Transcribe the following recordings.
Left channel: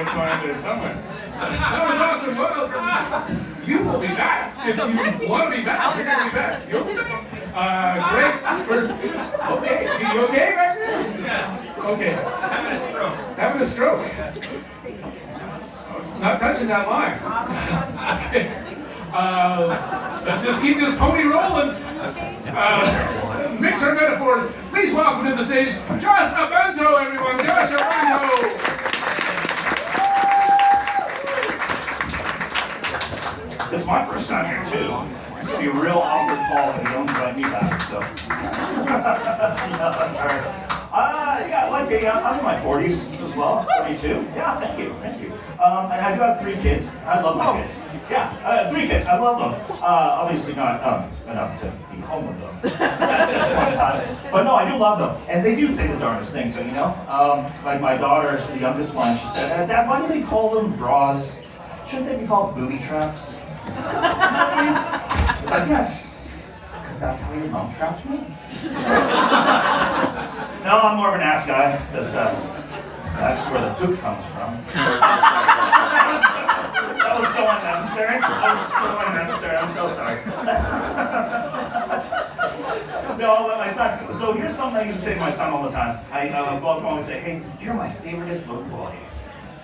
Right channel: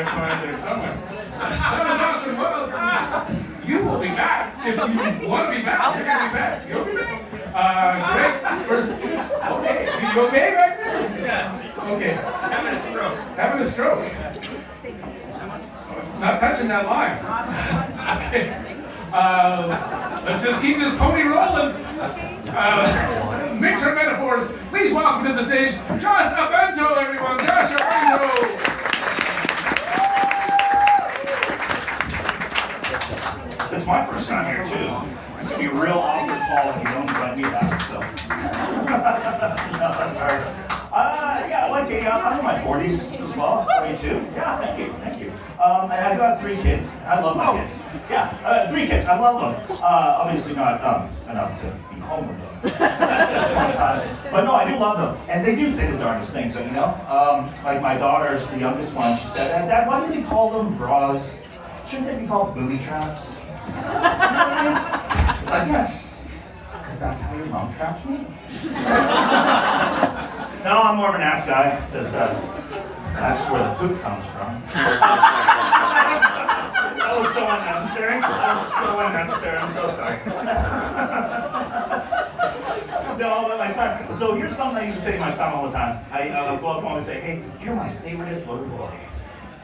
I find it somewhere. That was awesome. Well, you will be back. If you want to be back, you're going to be back. You'll be back. Great. First, okay. Are you okay back there? Yes. Okay. Having a stroke. Having a stroke. Not touching that line. Okay. Let's just keep this pony rolling. Mix our metaphors. Please welcome to the stage, Josh Abento, everyone. Josh Abento. It's my first time here too. It's gonna be a real awkward fall if you don't invite me back. So, that's hard. Yeah, I'm in my 40s as well. 42. Yeah, thank you. And I do have 3 kids. I love my kids. Yeah, 3 kids. I love them. Obviously not enough to be home with them at this point in time. But no, I do love them, and they do say the darndest things. So like my daughter's the youngest one. She said, "Dad, why do they call them bras? Shouldn't they be called booby traps?" It's like, yes, because that's how your mom trapped me. No, I'm more of an ass guy, because that's where the poop comes from. That was so unnecessary. I'm so sorry. No, my son. So here's something I used to say to my son all the time. I go up home and say, "Hey, you're my favoriteest little boy."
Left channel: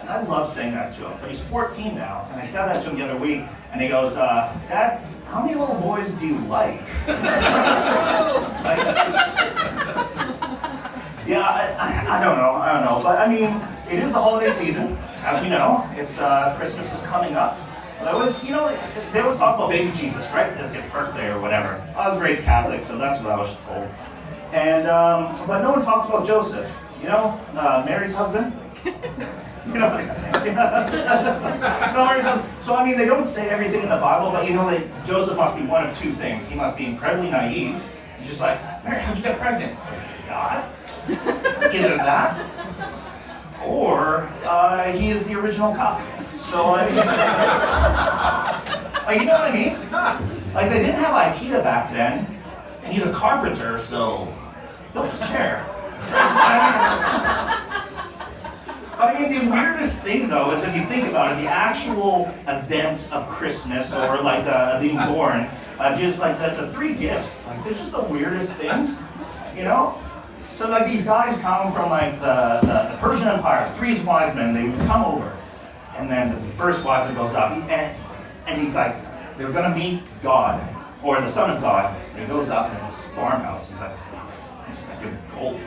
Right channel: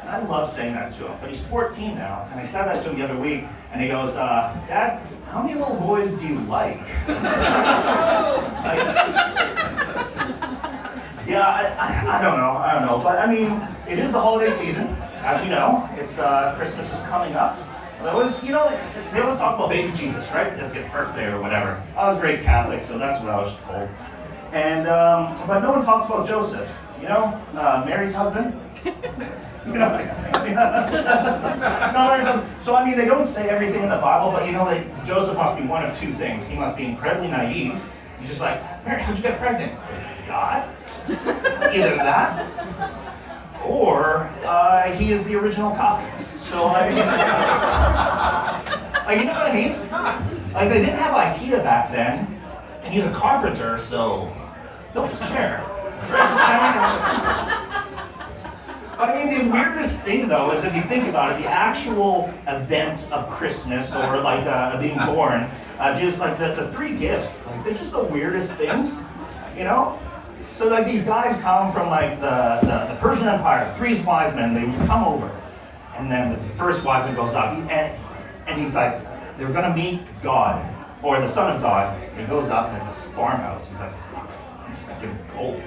And I love saying that to him, but he's 14 now, and I said that to him the other week, and he goes, "Dad, how many little boys do you like?" I don't know, but I mean, it is the holiday season, as we know. It's Christmas is coming up. They always talk about baby Jesus, right? This gets birthday or whatever. I was raised Catholic, so that's what I was told. And but no one talks about Joseph, Mary's husband. So I mean, they don't say everything in the Bible, but that Joseph must be one of 2 things. He must be incredibly naive. He's just like, "Mary, how'd you get pregnant?" God? Either that, or he is the original cop. So I mean, you know what I mean? Like, they didn't have IKEA back then, and he's a carpenter, so built a chair. I mean, the weirdest thing, though, is if you think about it, the actual events of Christmas or like being born, just like the 3 gifts, like they're just the weirdest things, So like these guys come from like the Persian Empire, the 3 wise men, they come over, and then the first wise man goes up, and he's like, they're gonna meet God or the Son of God. And he goes up and it's a farmhouse. He's like, "Fucking gold."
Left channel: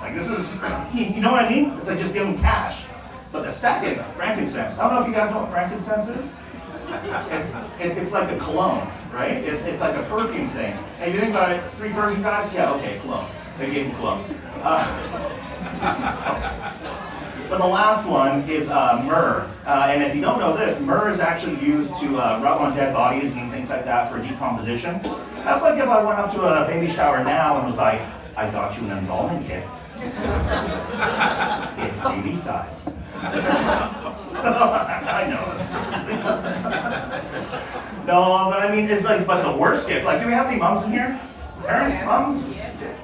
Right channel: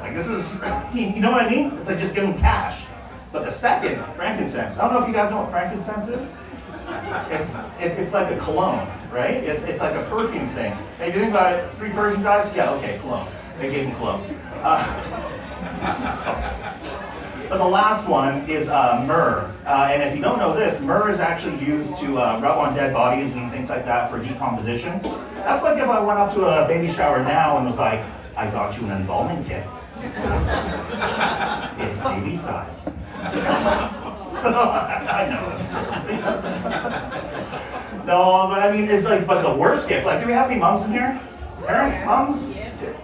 Like, this is, you know what I mean? It's like just give them cash. But the second, frankincense. I don't know if you guys know what frankincense is. It's like a cologne, right? It's like a perfume thing. Hey, you think about it, 3 Persian guys? Yeah, okay, cologne. They gave him cologne. But the last one is myrrh. And if you don't know this, myrrh is actually used to rub on dead bodies and things like that for decomposition. That's like if I went up to a baby shower now and was like, "I got you an embalming kit. It's baby size." I know that's true. No, but I mean, it's like, but the worst gift, like, do we have any moms in here? Parents, moms?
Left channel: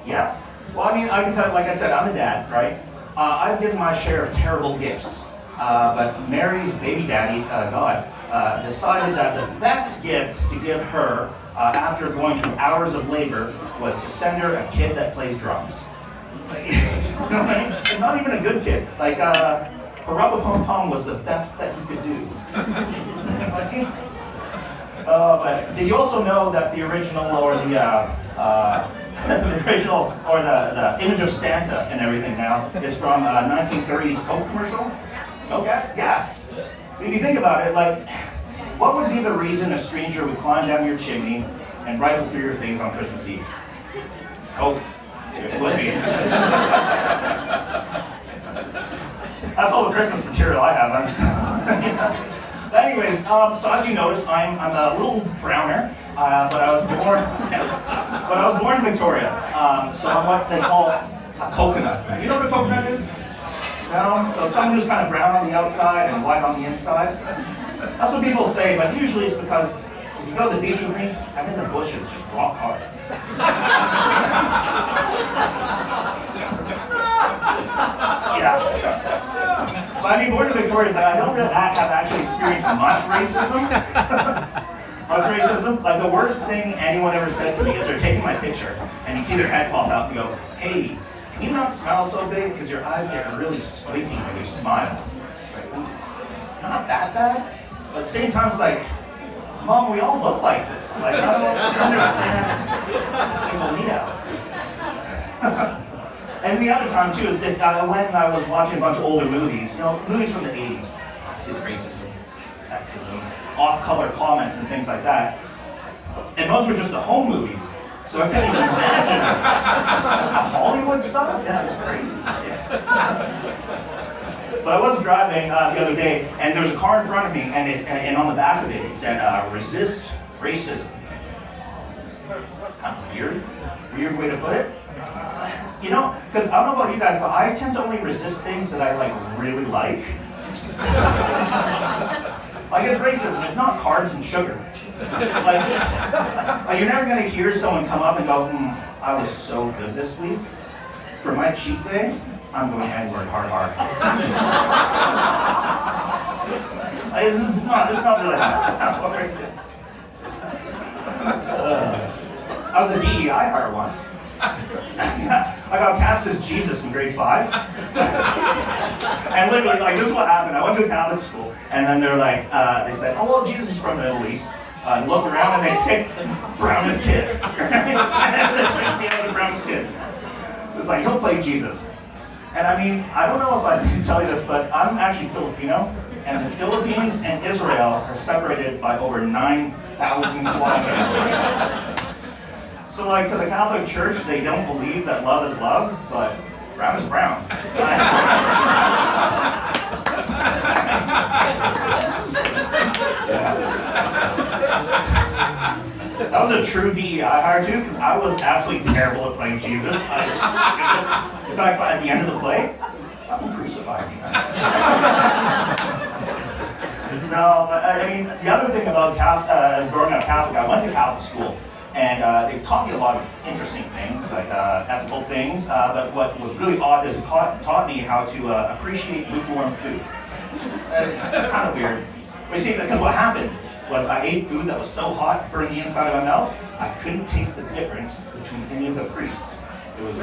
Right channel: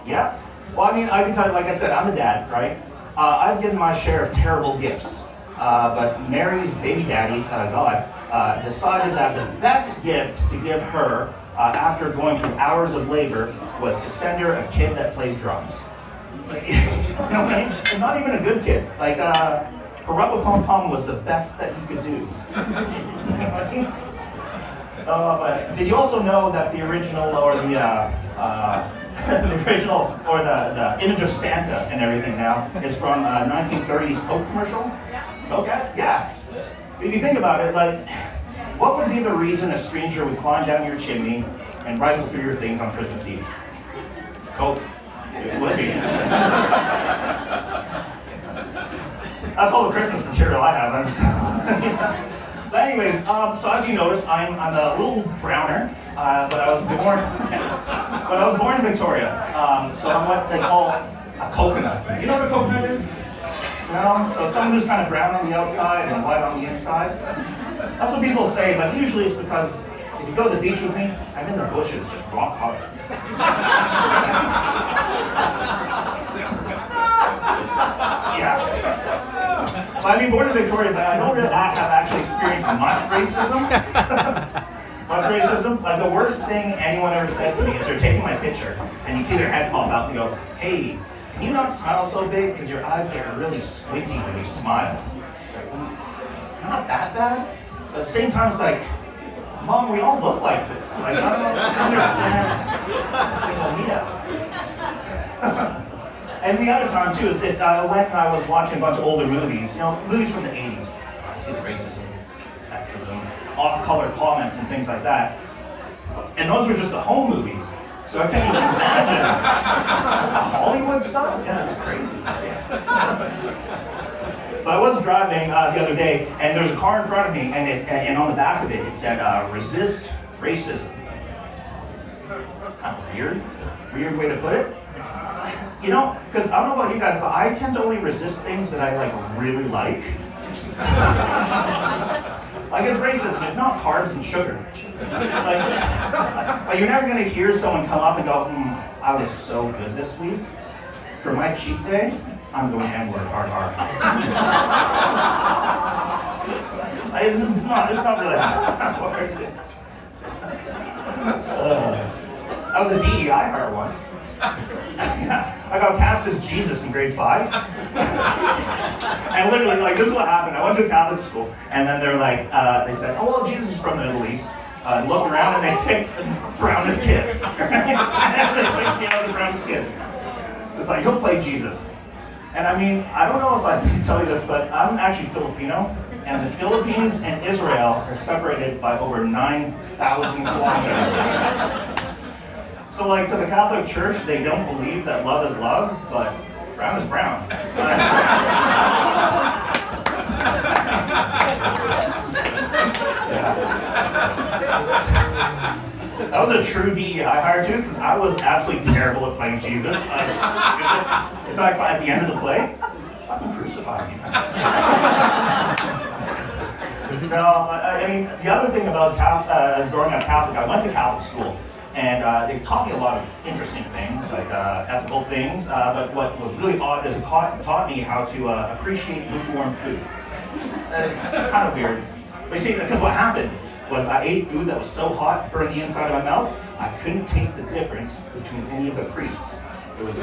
Yeah. Well, I mean, I can tell you, like I said, I'm a dad, right? I've given my share of terrible gifts. But Mary's baby daddy, God, decided that the best gift to give her after going through hours of labor was to send her a kid that plays drums. Like, you know what I mean? And not even a good kid. Like, Parappa-Pum-Pum was the best that you could do. You know what I mean? But did you also know that the original or the image of Santa and everything now is from 1930s Coke commercial? Okay, yeah. If you think about it, like, what would be the reason a stranger would climb down your chimney and rifle through your things on Christmas Eve? Coke. It would be. That's all the Christmas material I have. But anyways, so as you notice, I'm a little browner, but I was born in Victoria. So I'm what they call a coconut. Do you know what a coconut is? No? So someone who's kind of brown on the outside and white on the inside. That's what people say, but usually it's because if you go to the beach with me, I'm in the bushes just rock hard. Yeah. By being born in Victoria, I don't really have actually experienced much racism. Like the worst thing anyone ever said to me is they're taking my picture and you see their head pop out and go, hey, can you not smile so big because your eyes get really squinty when you smile? It's like, it's not that bad. But at the same time, it's like, Mom, we all look like this. Like, I don't understand single me out. And the other time too is if I went and I was watching a bunch of older movies, movies from the 80s, see the racism, sexism, off-color comments and things like that. And those were just the home movies. So I can't even imagine the Hollywood stuff. Yeah, it's crazy. Yeah. But I was driving the other day, and there was a car in front of me, and on the back of it, it said, resist racism. That's kind of weird way to put it. Because I don't know about you guys, but I tend to only resist things that I really like. Like it's racism, it's not carbs and sugar. Like you're never gonna hear someone come up and go, I was so good this week. For my cheat day, I'm going N-word hard. It's not really how it works. I was a DEI hire once. I got cast as Jesus in grade 5. And literally, this is what happened. I went to a Catholic school, and then they're like, they said, oh, well, Jesus is from the Middle East. Looked around, and they picked the brownest kid. The brownest kid. It's like, he'll play Jesus. And I mean, I don't know if I can tell you this, but I'm actually Filipino, and the Philippines and Israel are separated by over 9,000 kilometers. So to the Catholic Church, they don't believe that love is love, but brown is brown. That was a true DEI hire too, because I was absolutely terrible at playing Jesus. In fact, at the end of the play, I'm gonna crucify you. No, I mean, the other thing about growing up Catholic, I went to Catholic school. And they taught me a lot of interesting things, like ethical things, but what was really odd is it taught me how to appreciate lukewarm food. It's kind of weird. But you see, because what happened was I ate food that was so hot, burned the inside of my mouth, I couldn't taste the difference between any of the priests. It was...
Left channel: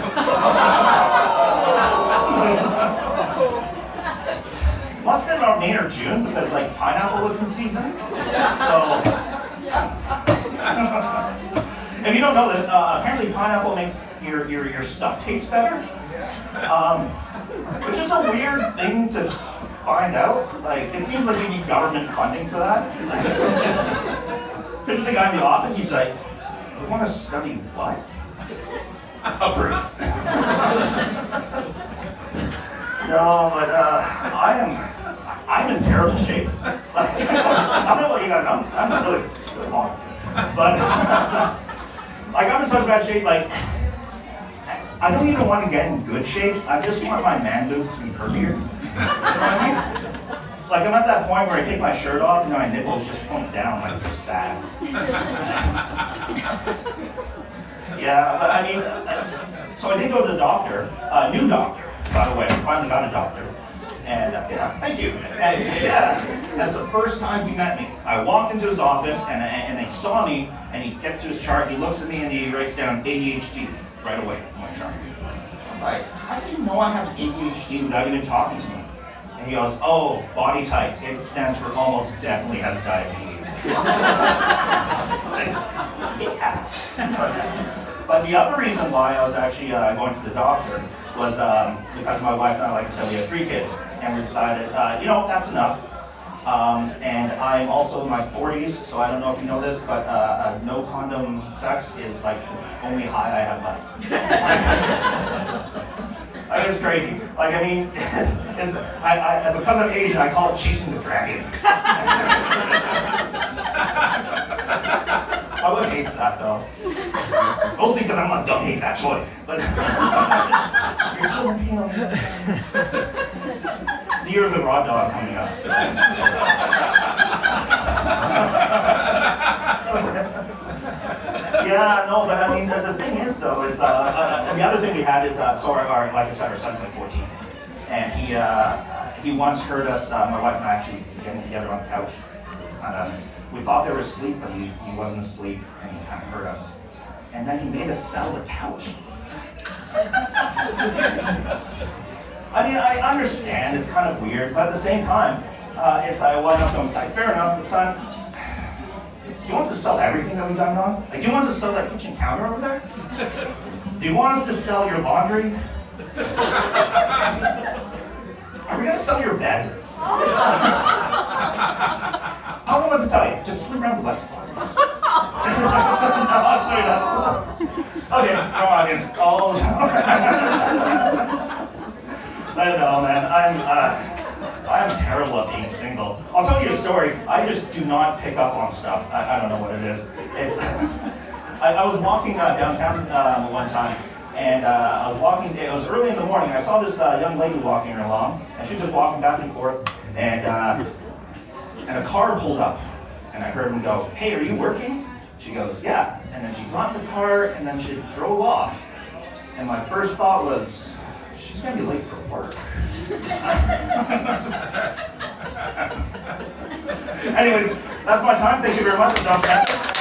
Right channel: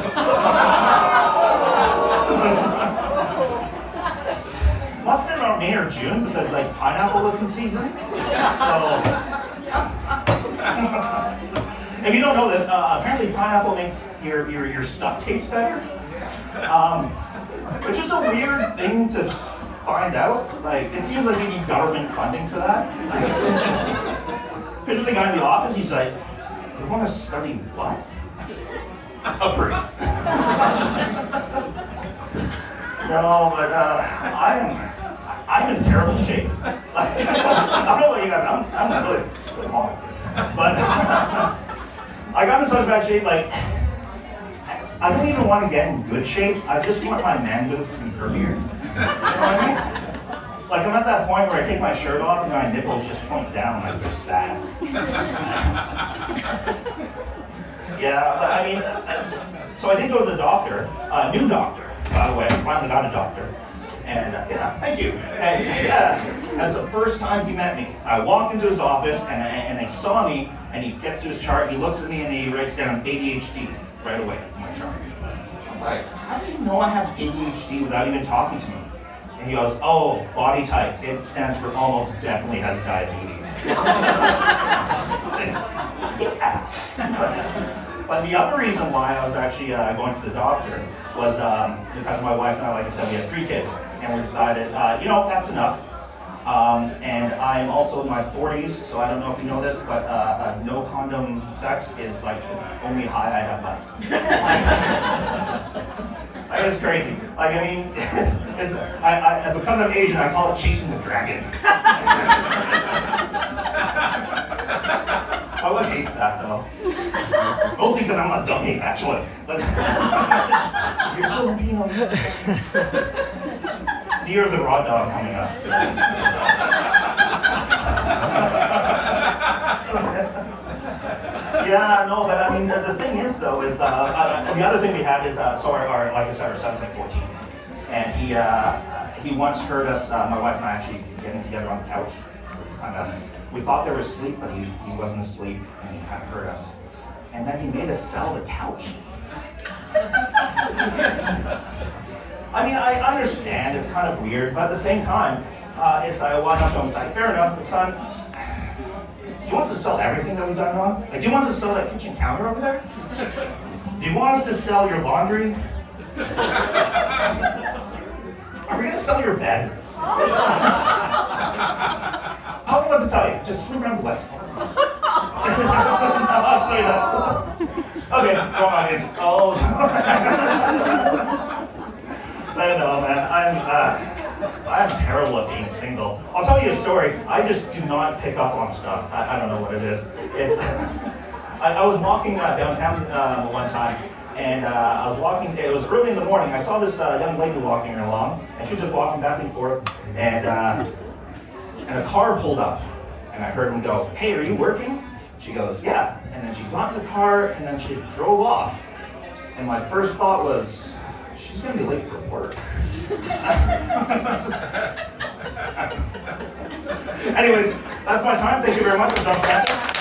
Must have been around May or June, because pineapple was in season. So... If you don't know this, apparently pineapple makes your stuff taste better, which is a weird thing to find out. It seems like you need government funding for that. Here's the guy in the office, he's like, you want to study what? Approved. No, but I'm in terrible shape. I don't know what you guys, I'm really hard. But I'm in such bad shape, I don't even want to get in good shape. I just want my man boobs to be curvier. You know what I mean? I'm at that point where I take my shirt off and my nipples just point down, they're sad. Yeah, but I mean, so I did go to the doctor, a new doctor, by the way. I finally got a doctor. And yeah, thank you. And yeah, that's the first time he met me. I walked into his office and he saw me and he gets to his chart, he looks at me and he writes down ADHD right away on my chart. I was like, how do you know I have ADHD without even talking to me? And he goes, oh, body type. It stands for almost definitely has diabetes. Yes. But the other reason why I was actually going to the doctor was because my wife and I, like I said, we had 3 kids. And we decided, that's enough. And I'm also in my 40s, so I don't know if you know this, but no condom sex is the only high I have left. It's crazy. Because I'm Asian, I call it chasing the dragon. My wife hates that though. Mostly because don't hate that choice. But you're Filipino. The year of the raw dog coming up. Yeah, no, but I mean, the thing is though, is the other thing we had is, like I said, our son's 14. And he once heard us, my wife and I actually getting together on the couch. It was we thought they were asleep, but he wasn't asleep, and he kind of heard us. And then he made us sell the couch. I mean, I understand it's kind of weird, but at the same time, it's I went up to him and said, fair enough, but son, do you want us to sell everything that we've done wrong? Like, do you want us to sell that kitchen counter over there? Do you want us to sell your laundry? Are we gonna sell your bed? I don't know what to tell you. Just sleep around the wet spot. No, I'm sorry, that's okay. Wrong audience. Oh. I don't know, man. I'm terrible at being single. I'll tell you a story. I just do not pick up on stuff. I don't know what it is. It's I was walking downtown one time, and I was walking. It was early in the morning. I saw this young lady walking along, and she was just walking back and forth, and a car pulled up, and I heard him go, "Hey, are you working?" She goes, "Yeah." And then she got in the car, and then she drove off. And my first thought was, she's gonna be late for work. Anyways, that's my time. Thank you very much. I'm Josh Matthews.